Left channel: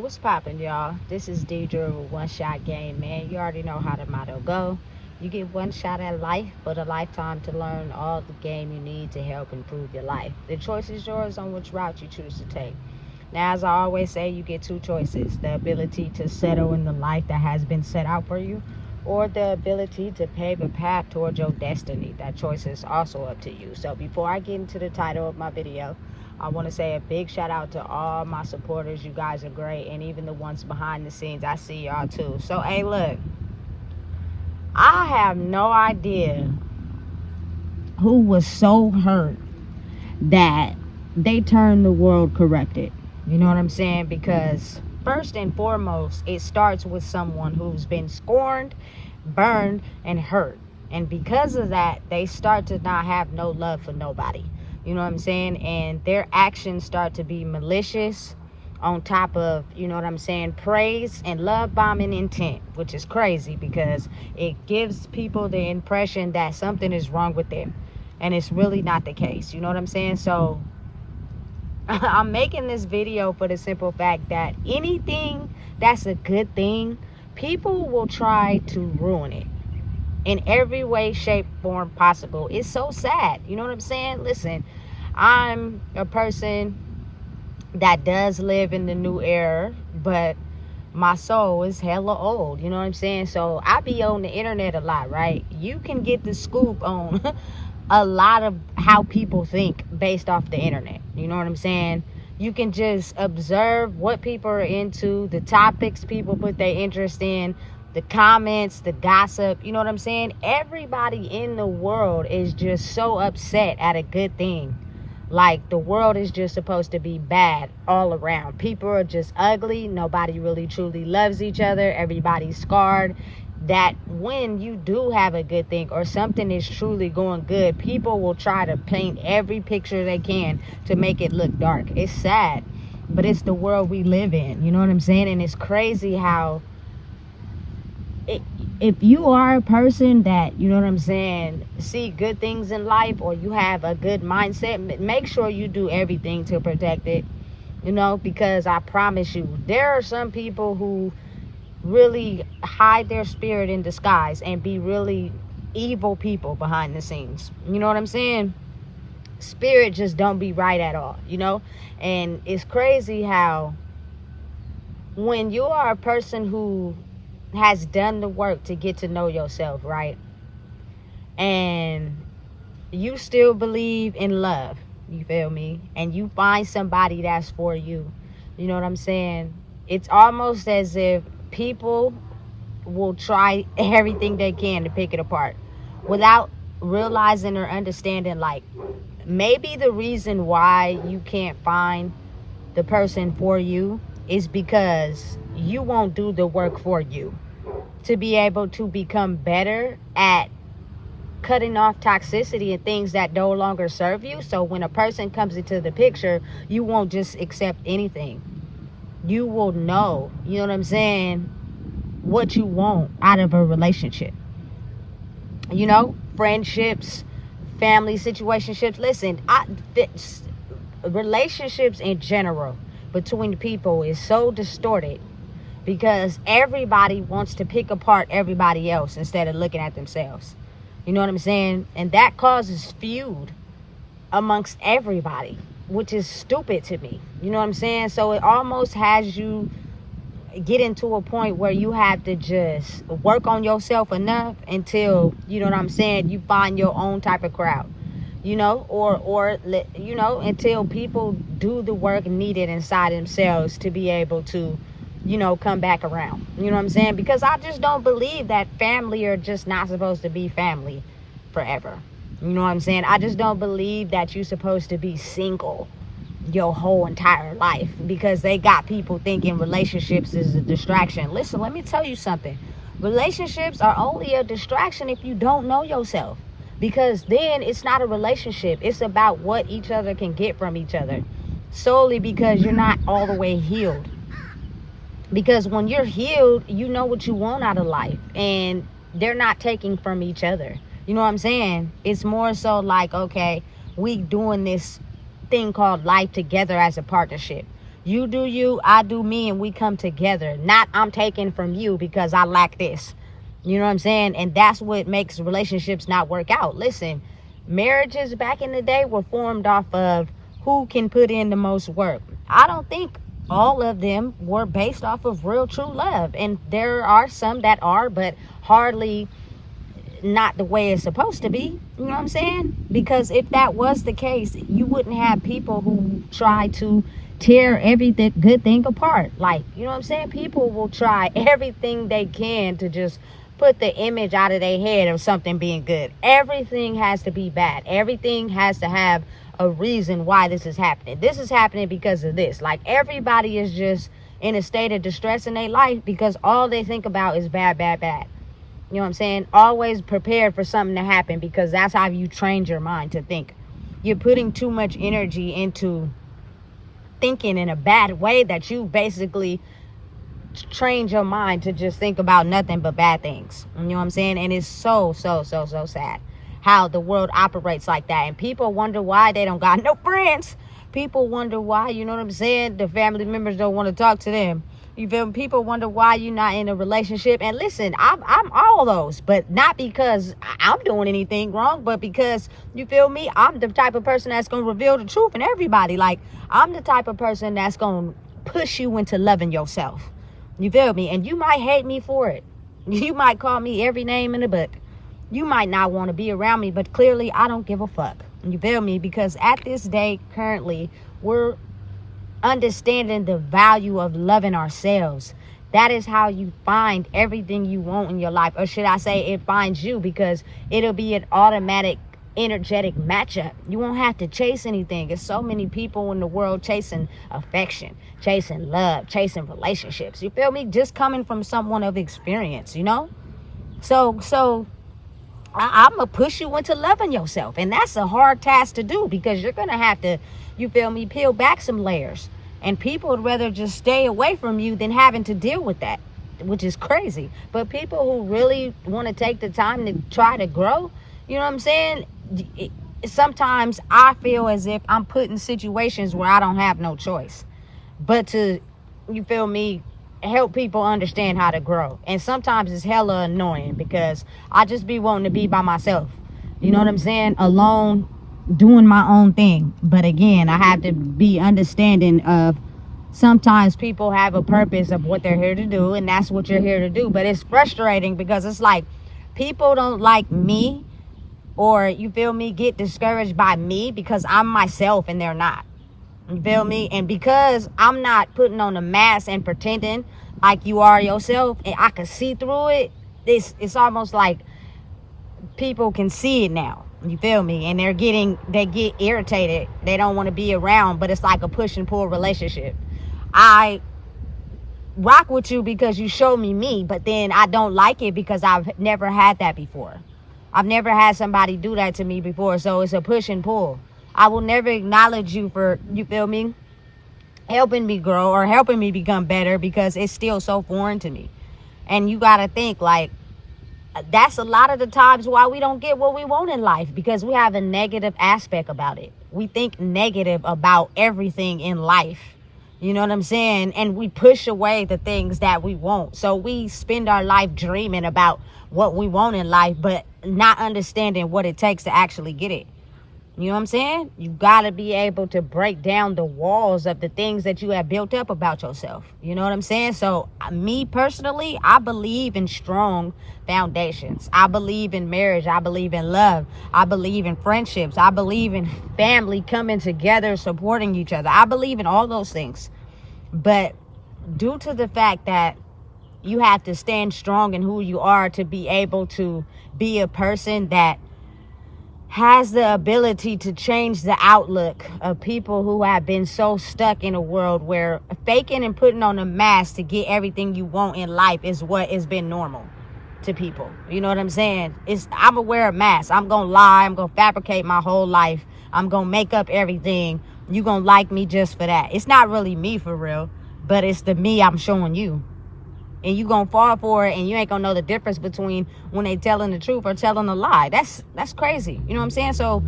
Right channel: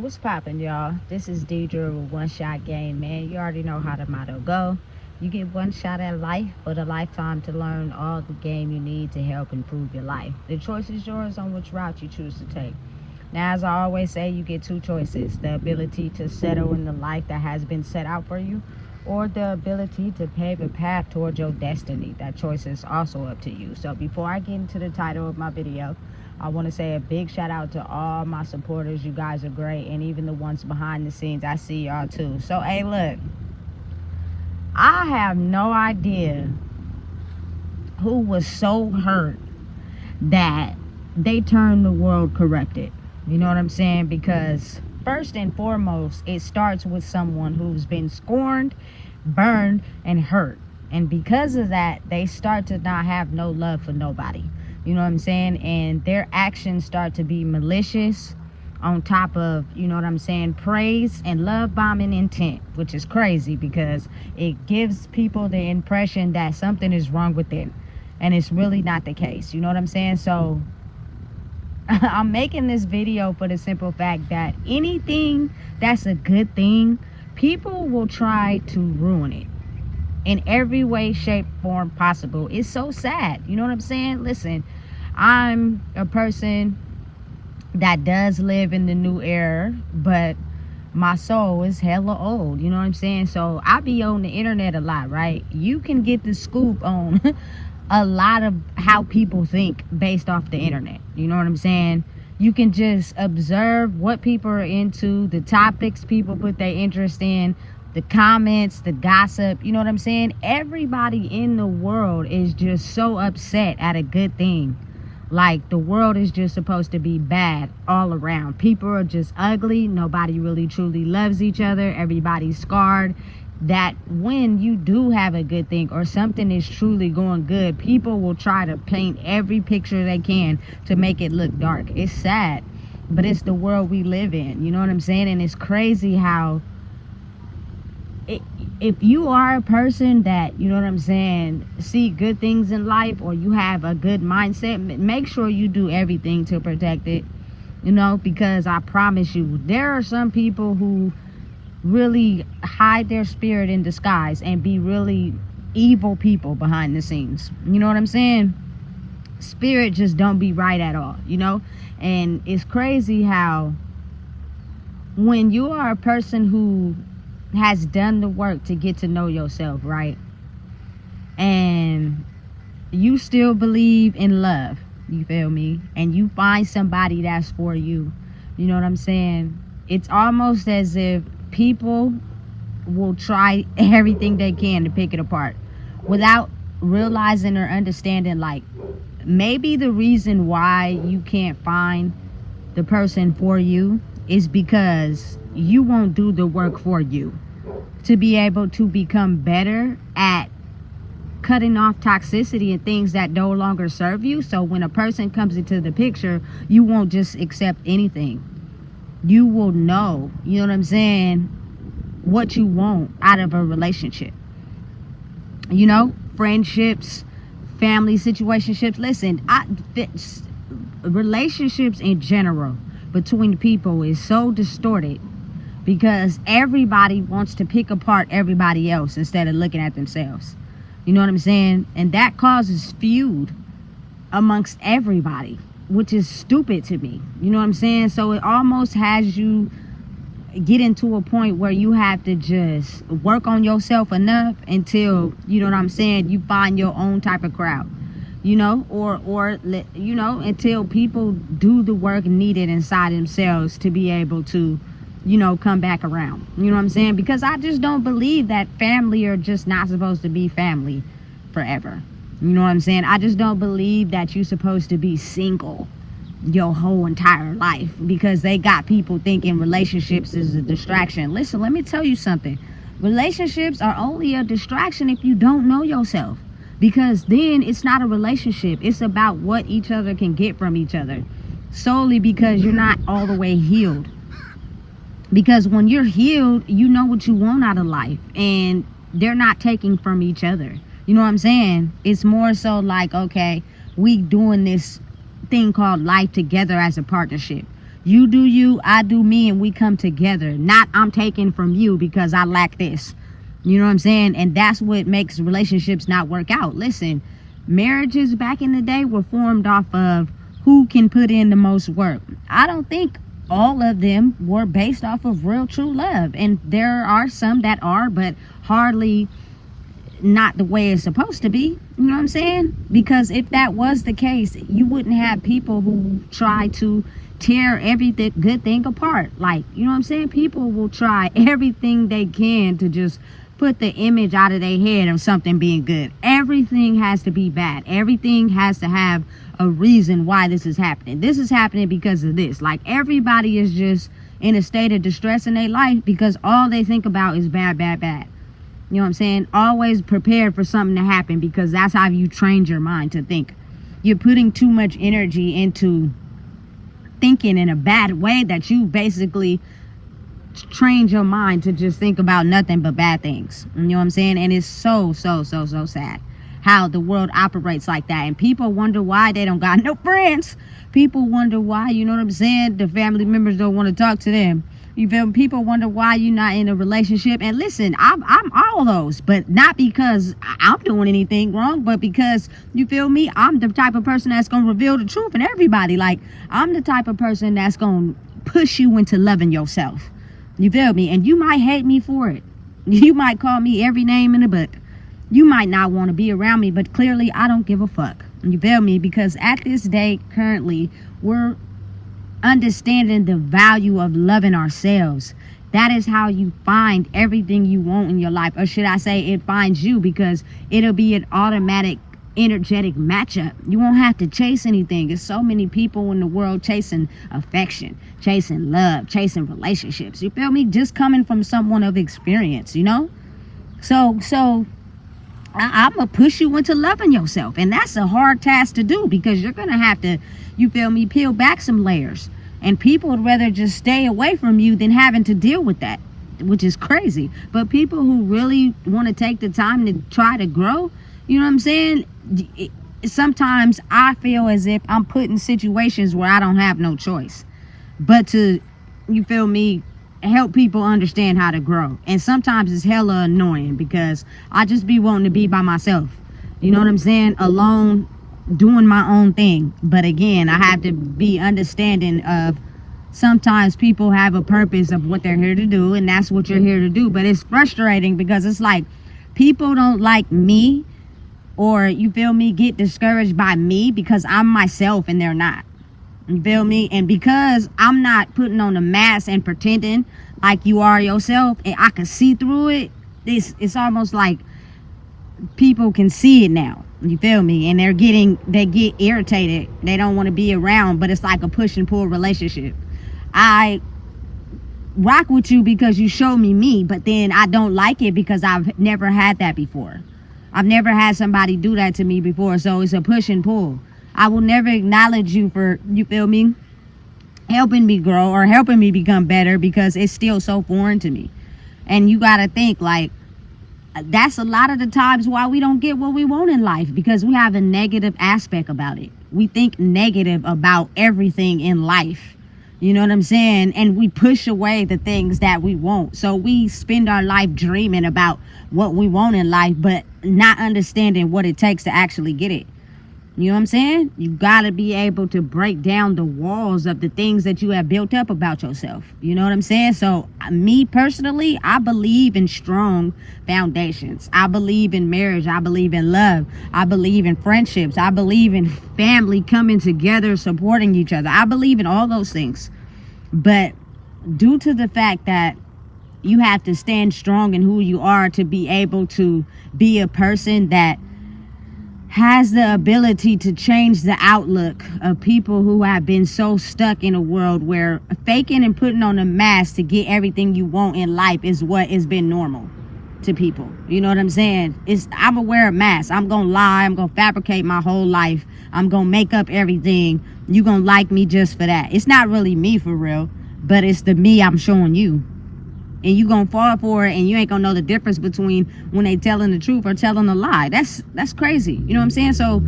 What's poppin', y'all? This is Deidre with One Shot Game, man. You already know how the motto go. You get one shot at life, but a lifetime to learn all the game you need to help improve your life. The choice is yours on which route you choose to take. Now, as I always say, you get two choices: the ability to settle in the life that has been set out for you, or the ability to pave a path towards your destiny. That choice is also up to you. So before I get into the title of my video, I want to say a big shout out to all my supporters. You guys are great, and even the ones behind the scenes, I see y'all too. So hey, look, I have no idea who was so hurt that they turned the world corrected. You know what I'm saying? Because first and foremost, it starts with someone who's been scorned, burned, and hurt. And because of that, they start to not have no love for nobody. You know what I'm saying? And their actions start to be malicious on top of, you know what I'm saying, praise and love bombing intent, which is crazy because it gives people the impression that something is wrong with them. And it's really not the case. You know what I'm saying? So I'm making this video for the simple fact that anything that's a good thing, people will try to ruin it in every way, shape, form possible. It's so sad. You know what I'm saying? Listen, I'm a person that does live in the new era, but my soul is hella old. You know what I'm saying? So I be on the internet a lot, right? You can get the scoop on a lot of how people think based off the internet. You know what I'm saying? You can just observe what people are into, the topics people put their interest in, the comments, the gossip. You know what I'm saying? Everybody in the world is just so upset at a good thing. Like, the world is just supposed to be bad all around. People are just ugly. Nobody really truly loves each other. Everybody's scarred. That when you do have a good thing or something is truly going good, people will try to paint every picture they can to make it look dark. It's sad, but it's the world we live in. You know what I'm saying? And it's crazy how if you are a person that, you know what I'm saying, see good things in life, or you have a good mindset, make sure you do everything to protect it, you know, because I promise you, there are some people who really hide their spirit in disguise and be really evil people behind the scenes. You know what I'm saying? Spirit just don't be right at all, you know? And it's crazy how when you are a person who has done the work to get to know yourself, right? And you still believe in love, you feel me? And you find somebody that's for you, you know what I'm saying? It's almost as if people will try everything they can to pick it apart without realizing or understanding, like, maybe the reason why you can't find the person for you is because you won't do the work for you to be able to become better at cutting off toxicity and things that no longer serve you. So when a person comes into the picture, you won't just accept anything. You will know, you know what I'm saying, what you want out of a relationship. You know, friendships, family situationships. Listen, relationships in general between people is so distorted because everybody wants to pick apart everybody else instead of looking at themselves. You know what I'm saying? And that causes feud amongst everybody, which is stupid to me. You know what I'm saying? So it almost has you get into a point where you have to just work on yourself enough until, you know what I'm saying, you find your own type of crowd, you know, or you know, until people do the work needed inside themselves to be able to, you know, come back around. You know what I'm saying? Because I just don't believe that family are just not supposed to be family forever. You know what I'm saying? I just don't believe that you're supposed to be single your whole entire life because they got people thinking relationships is a distraction. Listen, let me tell you something. Relationships are only a distraction if you don't know yourself, because then it's not a relationship. It's about what each other can get from each other, solely because you're not all the way healed. Because when you're healed, you know what you want out of life, and they're not taking from each other. You know what I'm saying? It's more so like, okay, we doing this thing called life together as a partnership. You do you, I do me, and we come together. Not I'm taking from you because I lack this. You know what I'm saying? And that's what makes relationships not work out. Listen, marriages back in the day were formed off of who can put in the most work. I don't think all of them were based off of real true love. And there are some that are, but hardly not the way it's supposed to be. You know what I'm saying? Because if that was the case, you wouldn't have people who try to tear everything good thing apart. Like, you know what I'm saying? People will try everything they can to just put the image out of their head of something being good. Everything has to be bad. Everything has to have a reason why this is happening. This is happening because of this. Like, everybody is just in a state of distress in their life because all they think about is bad, bad, bad. You know what I'm saying? Always prepared for something to happen because that's how you trained your mind to think. You're putting too much energy into thinking in a bad way that you basically trained your mind to just think about nothing but bad things. You know what I'm saying? And it's so sad how the world operates like that. And people wonder why they don't got no friends. People wonder why, you know what I'm saying, the family members don't want to talk to them. You feel me? People wonder why you're not in a relationship. And listen, I'm all those, but not because I'm doing anything wrong, but because, you feel me, I'm the type of person that's going to reveal the truth in everybody. Like, I'm the type of person that's going to push you into loving yourself. You feel me? And you might hate me for it. You might call me every name in the book. You might not want to be around me, but clearly I don't give a fuck. You feel me? Because at this day, currently, we're understanding the value of loving ourselves. That is how you find everything you want in your life. Or should I say, it finds you, because it'll be an automatic energetic matchup. You won't have to chase anything. There's so many people in the world chasing affection, chasing love, chasing relationships. You feel me? Just coming from someone of experience, you know? So I'm going to push you into loving yourself. And that's a hard task to do, because you're going to have to, you feel me, peel back some layers. And people would rather just stay away from you than having to deal with that, which is crazy. But people who really want to take the time to try to grow, you know what I'm saying? Sometimes I feel as if I'm put in situations where I don't have no choice but to, you feel me, help people understand how to grow. And sometimes it's hella annoying because I just be wanting to be by myself. You know what I'm saying? Alone, doing my own thing. But again, I have to be understanding of sometimes people have a purpose of what they're here to do, and that's what you're here to do. But it's frustrating because it's like people don't like me, or, you feel me, get discouraged by me because I'm myself and they're not. You feel me? And because I'm not putting on a mask and pretending like you are yourself, and I can see through it, it's almost like people can see it now. You feel me? And they get irritated. They don't want to be around, but it's like a push and pull relationship. I rock with you because you show me, but then I don't like it because I've never had that before. I've never had somebody do that to me before, so it's a push and pull. I will never acknowledge you for, you feel me, helping me grow or helping me become better, because it's still so foreign to me. And you got to think, like, that's a lot of the times why we don't get what we want in life, because we have a negative aspect about it. We think negative about everything in life. You know what I'm saying? And we push away the things that we want. So we spend our life dreaming about what we want in life, but not understanding what it takes to actually get it. You know what I'm saying? You got to be able to break down the walls of the things that you have built up about yourself. You know what I'm saying? So me personally, I believe in strong foundations. I believe in marriage. I believe in love. I believe in friendships. I believe in family coming together, supporting each other. I believe in all those things. But due to the fact that you have to stand strong in who you are to be able to be a person that has the ability to change the outlook of people who have been so stuck in a world where faking and putting on a mask to get everything you want in life is what has been normal to people. You know what I'm saying? I'm gonna wear a mask. I'm gonna lie. I'm gonna fabricate my whole life. I'm gonna make up everything. You gonna like me just for that. It's not really me for real, but it's the me I'm showing you. And you gonna fall for it, and you ain't gonna know the difference between when they telling the truth or telling a lie. That's crazy. You know what I'm saying? So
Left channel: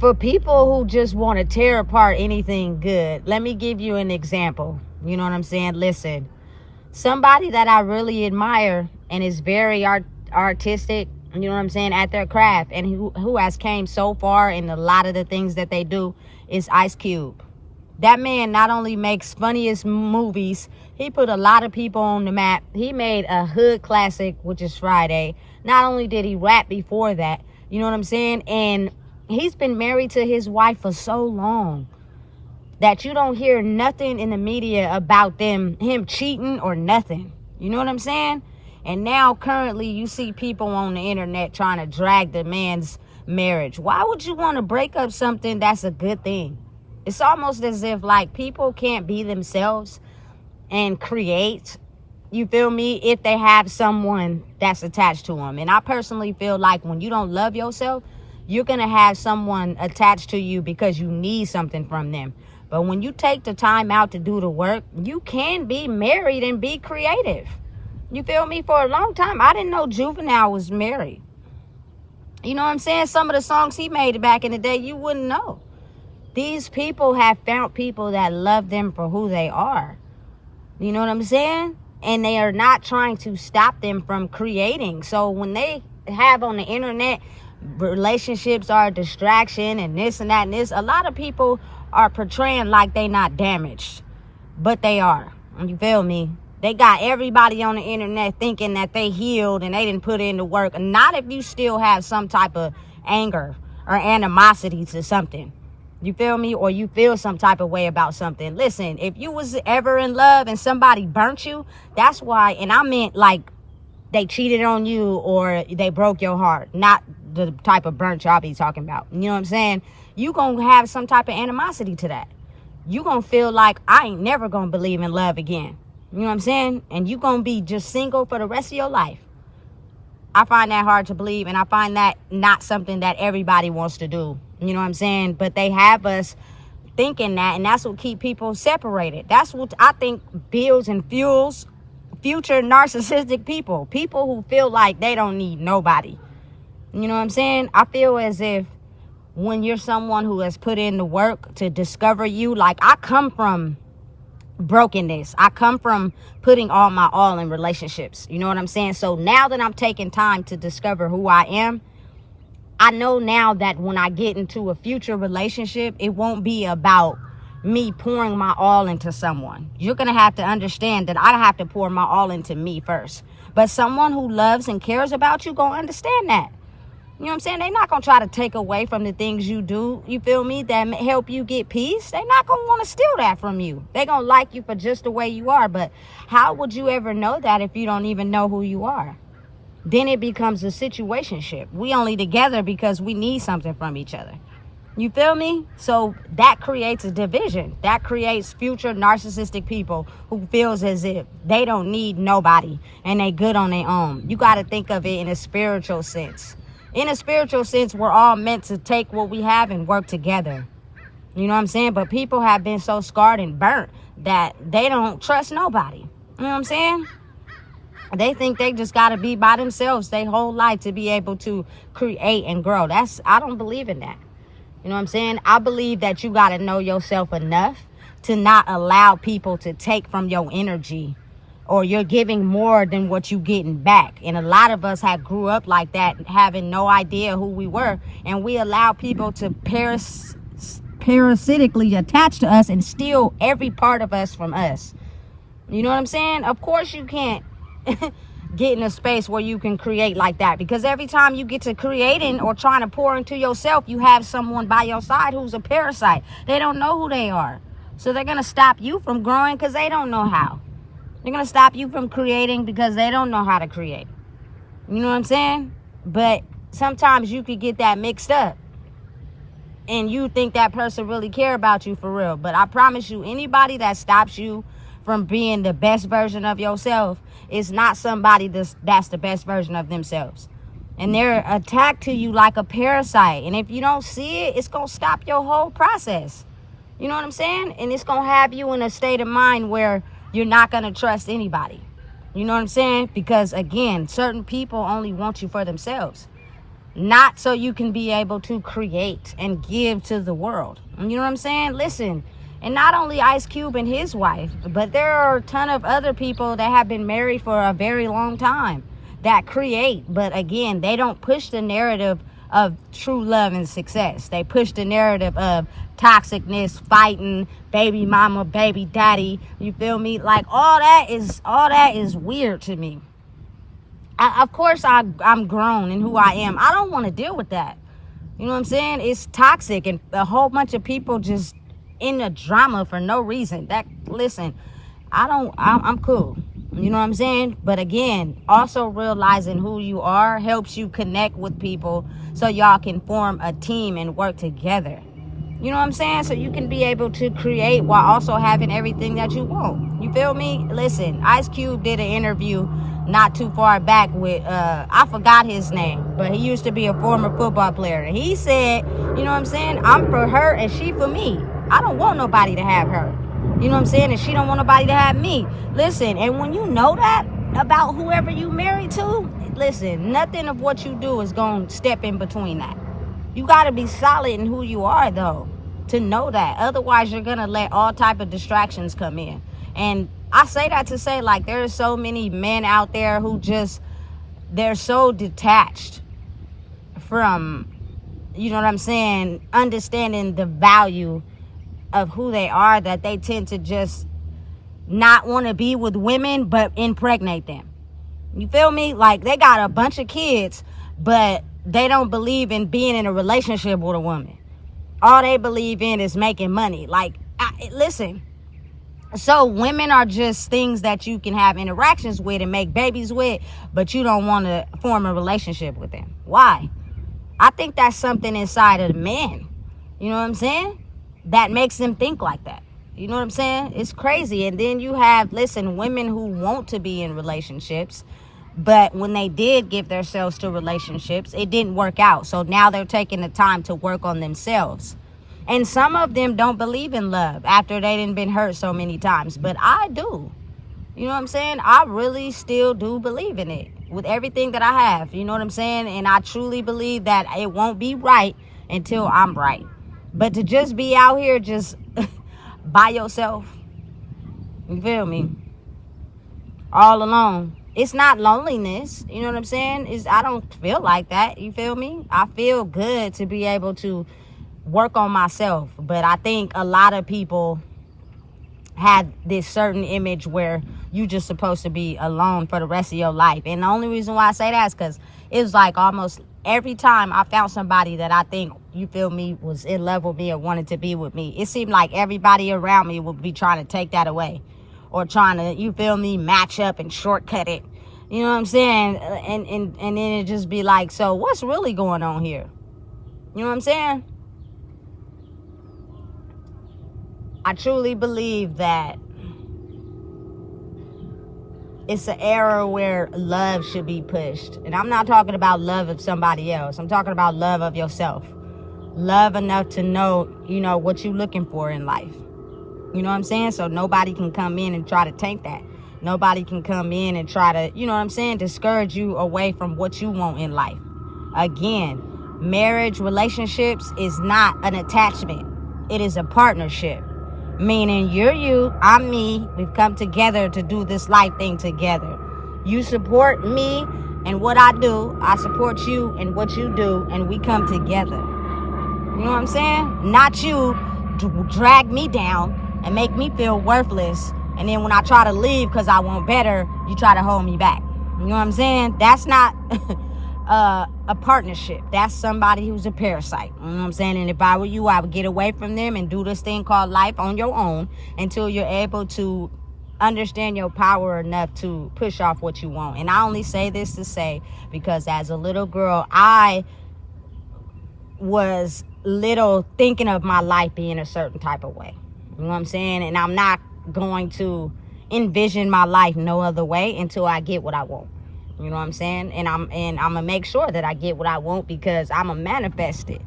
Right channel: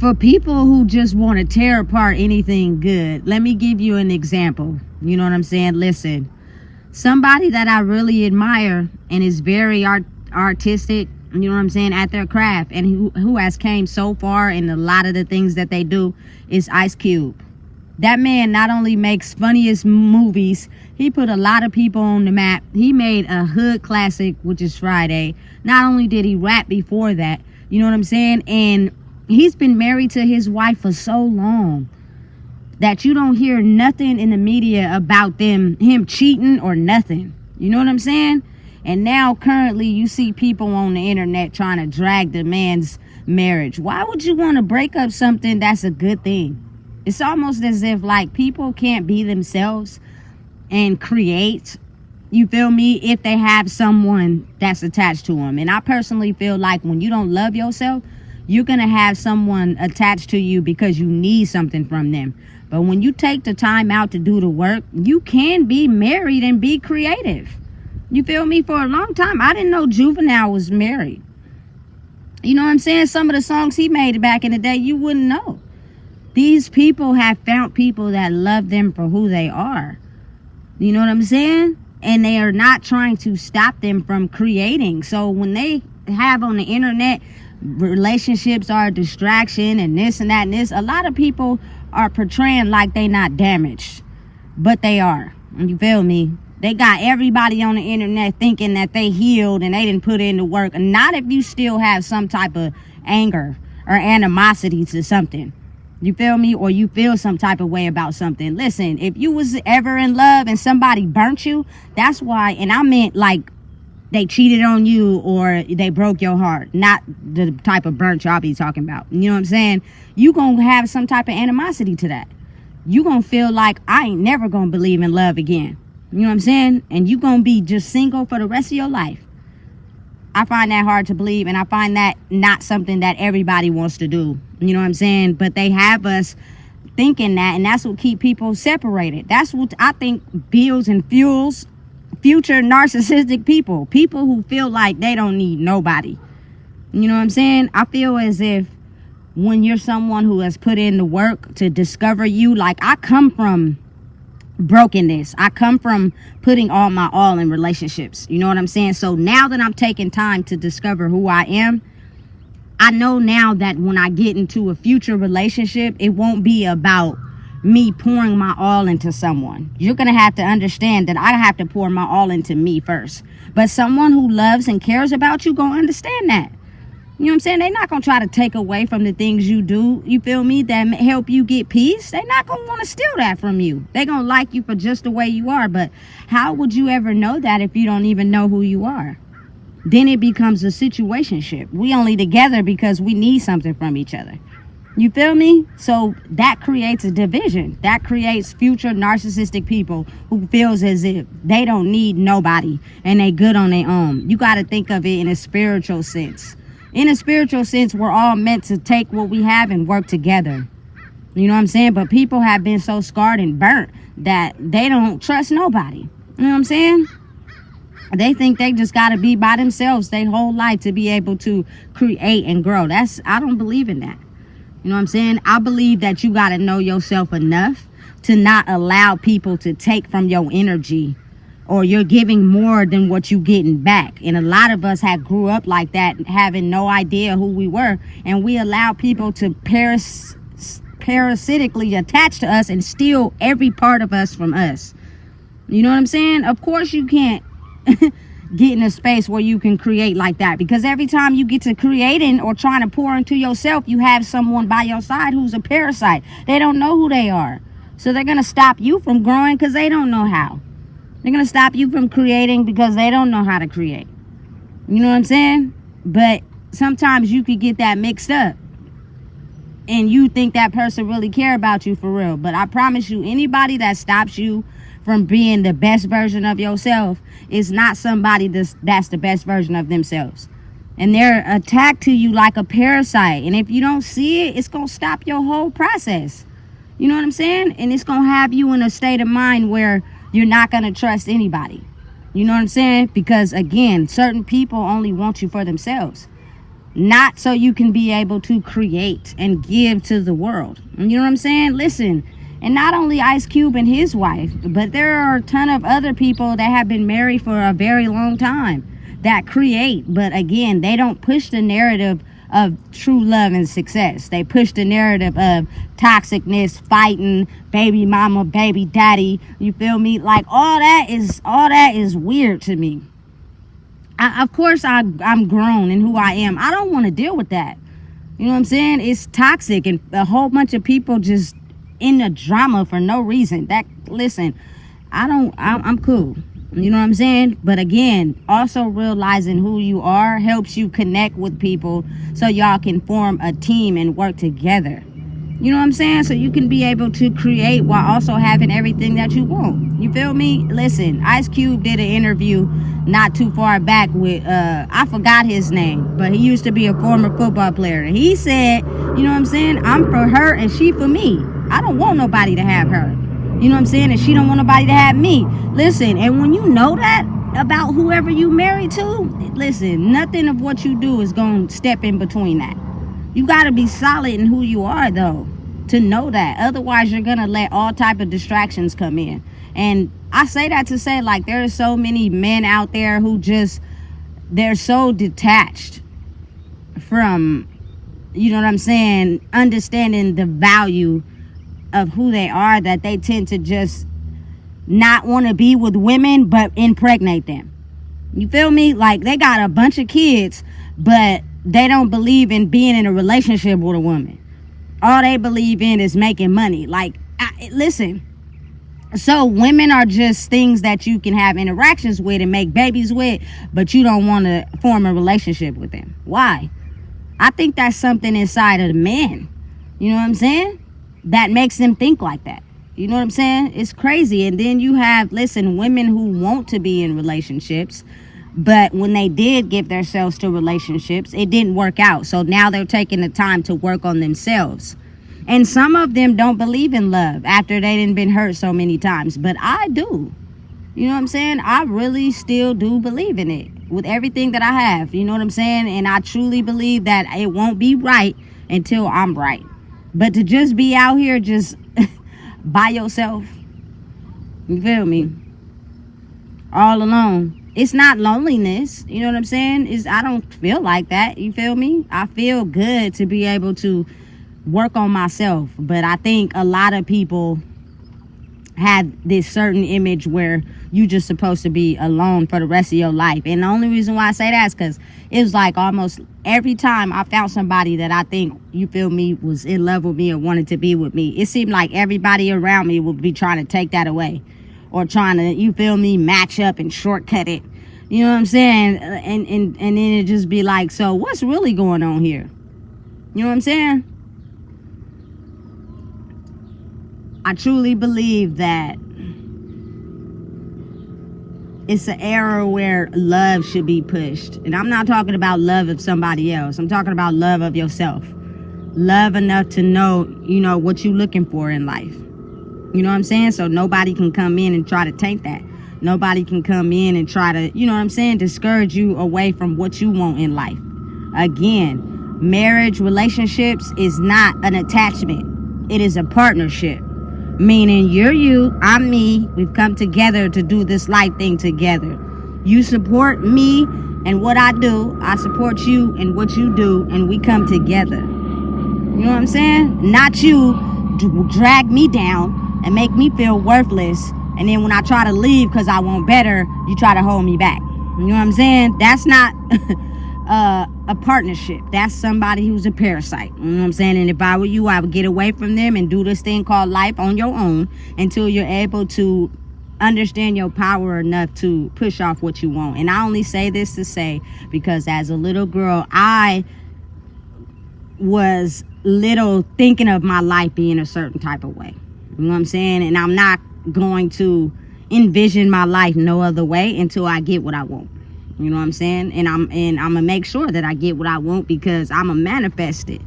For people who just want to tear apart anything good, let me give you an example. You know what I'm saying? Listen, somebody that I really admire and is very artistic, you know what I'm saying, at their craft, and who has came so far in a lot of the things that they do, is Ice Cube. That man not only makes funniest movies, he put a lot of people on the map. He made a hood classic, which is Friday. Not only did he rap before that, you know what I'm saying, and he's been married to his wife for so long that you don't hear nothing in the media about him cheating or nothing. You know what I'm saying? And now currently you see people on the internet trying to drag the man's marriage. Why would you want to break up something that's a good thing? It's almost as if like people can't be themselves and create, you feel me, if they have someone that's attached to them. And I personally feel like when you don't love yourself, you're going to have someone attached to you because you need something from them. But when you take the time out to do the work, you can be married and be creative. You feel me? For a long time, I didn't know Juvenile was married. You know what I'm saying? Some of the songs he made back in the day, you wouldn't know. These people have found people that love them for who they are. You know what I'm saying? And they are not trying to stop them from creating. So when they have on the internet, relationships are a distraction and this and that and this, a lot of people are portraying like they not damaged, but they are. You feel me? They got everybody on the internet thinking that they healed and they didn't put in the work. Not if you still have some type of anger or animosity to something. You feel me? Or you feel some type of way about something. Listen, if you was ever in love and somebody burnt you, that's why, and I meant like they cheated on you or they broke your heart, not the type of burnt y'all be talking about. You know what I'm saying? You gonna have some type of animosity to that. You gonna feel like I ain't never gonna believe in love again. You know what I'm saying? And you gonna be just single for the rest of your life. I find that hard to believe, and I find that not something that everybody wants to do. You know what I'm saying? But they have us thinking that, and that's what keep people separated. That's what I think builds and fuels future narcissistic people. People who feel like they don't need nobody. You know what I'm saying? I feel as if when you're someone who has put in the work to discover you, like I come from brokenness. I come from putting all my all in relationships. You know what I'm saying? So now that I'm taking time to discover who I am, I know now that when I get into a future relationship, it won't be about me pouring my all into someone. You're going to have to understand that I have to pour my all into me first. But someone who loves and cares about you going to understand that. You know what I'm saying? They're not going to try to take away from the things you do, you feel me, that help you get peace. They're not going to want to steal that from you. They're going to like you for just the way you are. But how would you ever know that if you don't even know who you are? Then it becomes a situationship. We only together because we need something from each other. You feel me? So that creates a division. That creates future narcissistic people who feels as if they don't need nobody and they good on their own. You got to think of it in a spiritual sense. In a spiritual sense, we're all meant to take what we have and work together. You know what I'm saying? But people have been so scarred and burnt that they don't trust nobody. You know what I'm saying? They think they just got to be by themselves their whole life to be able to create and grow. I don't believe in that. You know what I'm saying? I believe that you got to know yourself enough to not allow people to take from your energy, or you're giving more than what you getting back. And a lot of us have grew up like that, having no idea who we were. And we allow people to parasitically attach to us and steal every part of us from us. You know what I'm saying? Of course you can't get in a space where you can create like that, because every time you get to creating or trying to pour into yourself, you have someone by your side who's a parasite. They don't know who they are. So they're going to stop you from growing because they don't know how. They're going to stop you from creating because they don't know how to create. You know what I'm saying? But sometimes you could get that mixed up and you think that person really care about you for real. But I promise you, anybody that stops you from being the best version of yourself is not somebody that's the best version of themselves. And they're attacked to you like a parasite. And if you don't see it, it's going to stop your whole process. You know what I'm saying? And it's going to have you in a state of mind where you're not going to trust anybody. You know what I'm saying? Because, again, certain people only want you for themselves. not so you can be able to create and give to the world. You know what I'm saying? Listen, and not only Ice Cube and his wife, but there are a ton of other people that have been married for a very long time that create, but again, they don't push the narrative of true love and success. They push the narrative of toxicness, fighting, baby mama, baby daddy. You feel me? Like all that is weird to me. Of course, I'm grown in who I am. I don't want to deal with that. You know what I'm saying? It's toxic, and a whole bunch of people just in a drama for no reason. Listen, I'm cool. You know what I'm saying? But again, also realizing who you are helps you connect with people so y'all can form a team and work together. You know what I'm saying? So you can be able to create while also having everything that you want. You feel me? Listen, Ice Cube did an interview not too far back with, I forgot his name, but he used to be a former football player. And he said, you know what I'm saying? I'm for her and she for me. I don't want nobody to have her. You know what I'm saying? And she don't want nobody to have me. Listen, and when you know that about whoever you married to, listen, nothing of what you do is going to step in between that. You got to be solid in who you are, though, to know that. Otherwise, you're going to let all type of distractions come in. And I say that to say, like, there are so many men out there who just, they're so detached from, you know what I'm saying, understanding the value of who they are, that they tend to just not want to be with women but impregnate them. You feel me? Like, they got a bunch of kids, but they don't believe in being in a relationship with a woman. All they believe in is making money. Like, listen, so women are just things that you can have interactions with and make babies with, but you don't want to form a relationship with them. Why? I think that's something inside of the men. You know what I'm saying? That makes them think like that. You know what I'm saying? It's crazy. And then you have, listen, women who want to be in relationships, but when they did give themselves to relationships, it didn't work out. So now they're taking the time to work on themselves. And some of them don't believe in love after they done been hurt so many times. But I do. You know what I'm saying? I really still do believe in it with everything that I have. You know what I'm saying? And I truly believe that it won't be right until I'm right. But to just be out here just by yourself, you feel me, all alone, it's not loneliness. You know what I'm saying? I don't feel like that. You feel me? I feel good to be able to work on myself. But I think a lot of people have this certain image where you just supposed to be alone for the rest of your life. And the only reason why I say that is because it was like almost every time I found somebody that I think, you feel me, was in love with me or wanted to be with me, it seemed like everybody around me would be trying to take that away or trying to, you feel me, match up and shortcut it. You know what I'm saying? And then it just be like, so what's really going on here? You know what I'm saying? I truly believe that it's an era where love should be pushed. And I'm not talking about love of somebody else. I'm talking about love of yourself. Love enough to know, you know, what you're looking for in life. You know what I'm saying? So nobody can come in and try to taint that. Nobody can come in and try to, you know what I'm saying, discourage you away from what you want in life. Again, marriage, relationships is not an attachment. It is a partnership. Meaning you're you, I'm me. We've come together to do this life thing together. You support me and what I do. I support you and what you do. And we come together. You know what I'm saying? Not you drag me down and make me feel worthless. And then when I try to leave because I want better, you try to hold me back. You know what I'm saying? That's not a partnership. That's somebody who's a parasite. You know what I'm saying? And if I were you, I would get away from them and do this thing called life on your own until you're able to understand your power enough to push off what you want. And I only say this to say, because as a little girl, I was little thinking of my life being a certain type of way. You know what I'm saying? And I'm not going to envision my life no other way until I get what I want. You know what I'm saying? And I'm gonna make sure that I get what I want, because I'm a manifest it.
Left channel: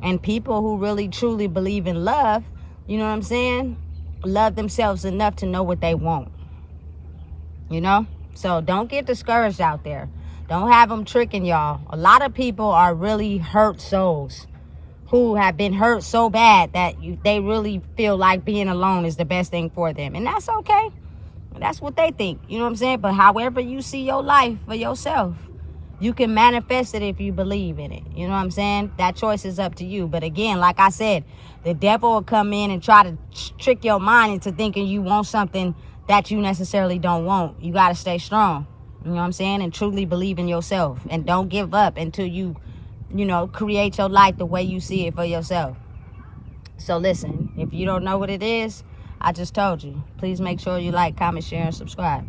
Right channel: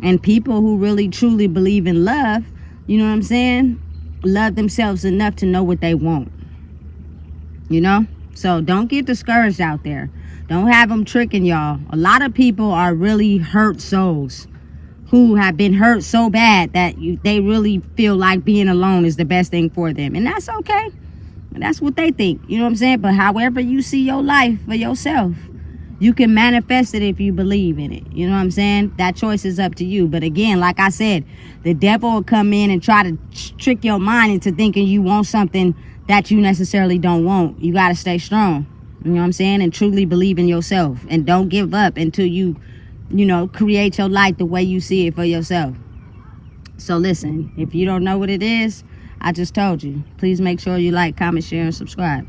And people who really truly believe in love, you know what I'm saying, love themselves enough to know what they want. You know? So don't get discouraged out there. Don't have them tricking y'all. A lot of people are really hurt souls who have been hurt so bad that they really feel like being alone is the best thing for them. And that's okay. That's what they think. You know what I'm saying? But however you see your life for yourself, you can manifest it if you believe in it. You know what I'm saying? That choice is up to you. But again, like I said, the devil will come in and try to trick your mind into thinking you want something that you necessarily don't want. You got to stay strong. You know what I'm saying? And truly believe in yourself. And don't give up until you create your life the way you see it for yourself. So listen, if you don't know what it is, I just told you. Please make sure you like, comment, share, and subscribe.